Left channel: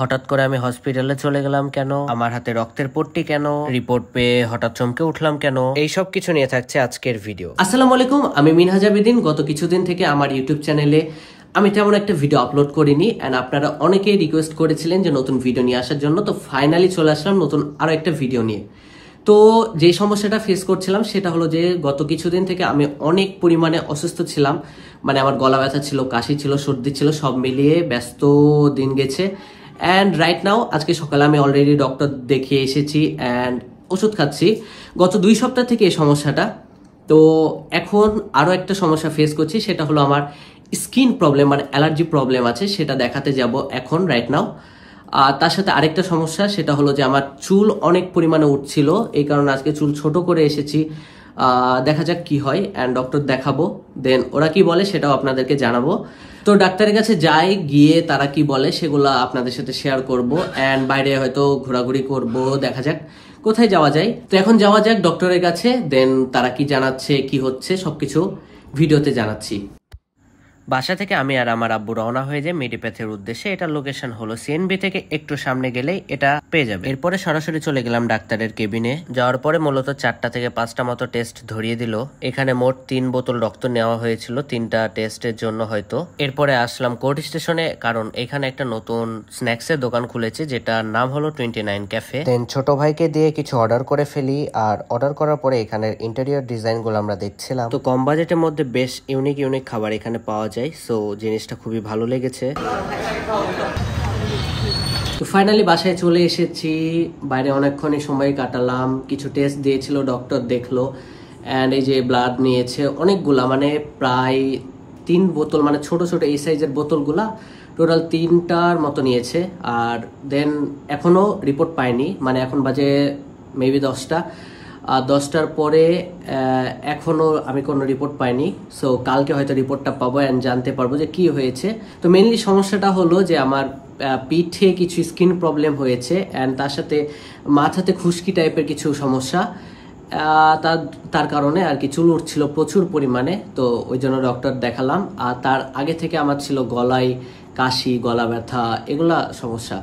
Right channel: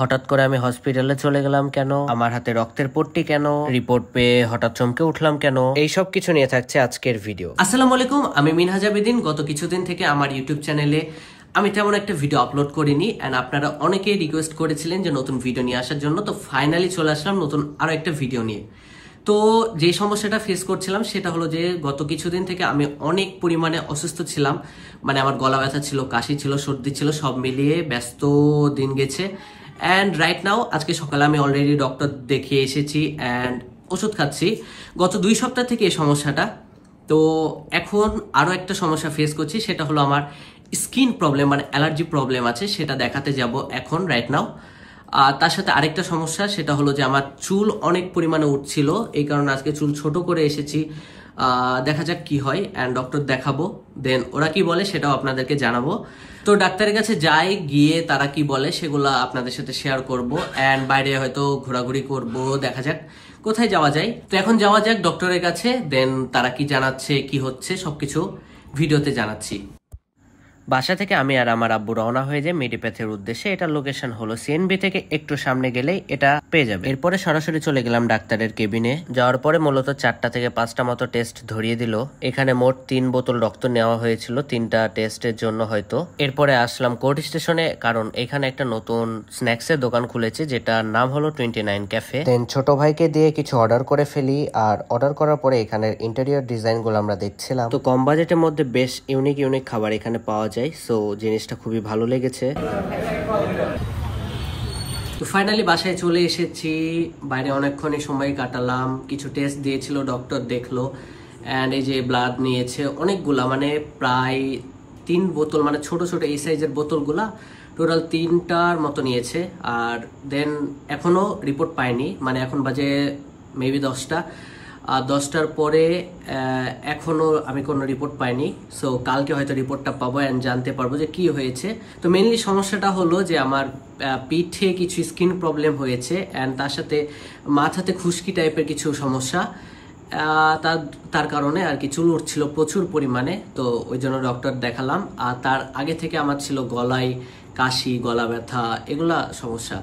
হঠাৎ করে আমি হসপিটালে চলে গেলাম কেন, আমার হাতে রক্তের পট্টি কেন, রিপোর্ট পেয়ে হঠাৎ চমকে উঠলাম কেন, এই সব কিছু নিয়ে থাকছে আজকের ভিডিও। আসসালামু আলাইকুম, আমি মিনহাজ আবেদিন। গত কিছুদিন থেকে আমার ইউটিউব চ্যানেলে আমি তেমন একটা ভিডিও আপলোড করিনি এন্ড আপনারা অনেকেই রিকোয়েস্ট করেছিলেন যে নতুন ভিডিও নিয়ে আসার জন্য। তো ফাইনালি চলে আসলাম নতুন আরো একটা ভিডিও নিয়ে। তো যে সমস্যাটা ফেস করছিলাম সেটা হলো যে গত কিছুদিন থেকে আমি অনেক পরিমাণে অসুস্থ ছিলাম। মানে আমার গলা ব্যথা ছিল, কাশি ছিল, সর্দি ছিল, সব মিলিয়ে ব্যস্ত দিন গেছে। অ্যান্ড রাইট নাও আজকে সকালে আমি অলরেডি ডক্টর দেখিয়ে এসেছি অ্যান্ড ওষুধ খাচ্ছি গত 2 সপ্তাহ থেকে এই সমস্যাটা। তো এখন আরো একটা সমস্যা ফেস করছি, সেটা হলো আমার স্কিন প্রবলেম, মানে অ্যালার্জি প্রবলেম আছে, সেটা দেখাতে যাব এখন রাইট নাও। আর তার সাথে আরেকটা সমস্যা, সেটা হলো যে আমার চুল অনেক পরিমাণে উঠছিল, এই কারণে আজকে চুল ছোট করে এসেছি। দেখা যাক কি হয় অ্যান্ড ডক্টর দেখাবো, দেন ওরা কি বলে সেটাও আপনাদেরকে জানাবো। তো ডাক্তারের কাছে যাই, গিয়ে তারা কি বলে সেগুলো আপনাদের সাথে শেয়ার করব অ্যান্ড বাইরে হয়তো ঘোরাঘুরি করব, দেখা যাক কোথায় যাওয়া যায়। তো এখন যাওয়া যাক ডক্টরের কাছে, দেন তারা কি জানাচ্ছে কি হচ্ছে সবকিছু ভিডিওতে জানাচ্ছি। বাসা থেকে আমি আর আমার আব্বু রওনা হয়ে যায় মেডিপ্যাথের উদ্দেশ্যে। এটার লোকেশন হলো সিএনবি থেকে একটু সামনে গেলেই এটা পেয়ে যাবে। এরপরে সরাসরি চলে গেলাম ডাক্তারের কেবিনে। যাওয়ার পরে মূলত 4টা থেকে 5টা মতো টেস্ট ধরিয়ে দিল। এখানে মোট 3 বোতল রক্ত নেওয়া হয়েছিল 3টা টেস্টের জন্য হয়তো। এরপরে আসলাম কোর্ট স্টেশনে, কারণ এখানে একটা নতুন স্ন্যাক্সের দোকান খুলেছে যেটার নাম হলো 29 ক্যাফে। দেন ছোট ভাইকে দিয়ে কিছু অর্ডার করে ফেলি, আর অর্ডার করার পরে এখানের ইন্টেরিয়র ডিজাইন গুলো আমরা দেখছিলাম। তো কম বাজেটের মধ্যে বেশ ইউনিক খাবার এখানে পাওয়া যায়, সো জিনিসটা খুবই ভালো লেগেছে। তো ফাইনালি বাসায় চলে এসেছি, বাইরে অনেকক্ষণই সময় কাটালাম, কিছু টেস্ট দিয়েছিল ডক্টর, দেখলো অ্যান্ড এই যে ব্লাড নিয়েছে অনেকগুলা, মানে প্রায় 3 বোতল, মানে ছোট ছোট এই সাইজের বোতলগুলা টোটাল 3টার মতো নিয়েছে। আর দেন এখনো রিপোর্ট পাইনি, মানে এখন বাজে মেবি 10টা, আর 10টার পরে এখনো আমি কোনো রিপোর্ট পাইনি। সো কালকে হয়তো রিপোর্টটা পাবো অ্যান্ড জানতে পারবো যে কি হয়েছে। তো মেইনলি সমস্যাটা হলো যে আমার পিঠে কিছু স্কিন প্রবলেম হয়েছে অ্যান্ড তার সাথে মাথাতে খুশকি টাইপের কিছু সমস্যা, তার কারণে আর কি চুল উঠছিল প্রচুর পরিমাণে। তো ওই জন্য ডক্টর দেখালাম। আর তার আগে থেকে আমার ছিল গলায় কাশি, গলা ব্যথা, এগুলা সমস্যা।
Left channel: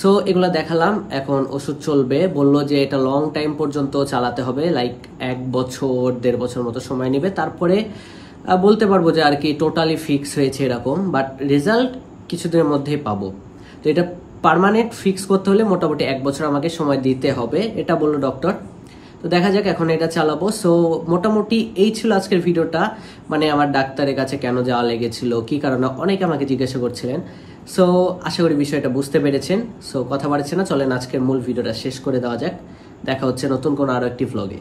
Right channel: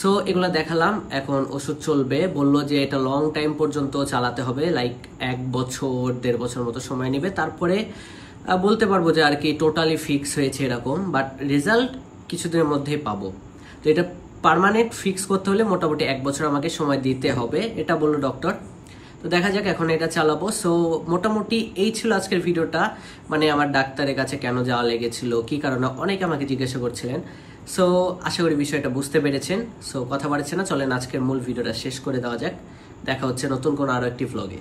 সো এগুলা দেখালাম, এখন ওষুধ চলবে, বললো যে এটা লং টাইম পর্যন্ত চালাতে হবে, লাইক 1 বছর 1.5 বছর মতো সময় নেবে, তারপরে বলতে পারবো যে আর কি টোটালি ফিক্স হয়েছে এরকম, বাট রেজাল্ট কিছুদিনের মধ্যেই পাবো। তো এটা পার্মানেন্ট ফিক্স করতে হলে মোটামুটি 1 বছর আমাকে সময় দিতে হবে, এটা বললো ডক্টর। তো দেখা যাক এখন এটা চালাবো। সো মোটামুটি এই ছিল আজকের ভিডিওটা, মানে আমার ডাক্তারের কাছে কেন যাওয়া লেগেছিল, কি কারণে, অনেকে আমাকে জিজ্ঞাসা করছিলেন। সো আশা করি বিষয়টা বুঝতে পেরেছেন। সো কথা বাড়ছে না, চলেন আজকের মূল ভিডিওটা শেষ করে দেওয়া যাক। দেখা হচ্ছে নতুন কোনো আরো একটি ভ্লগে।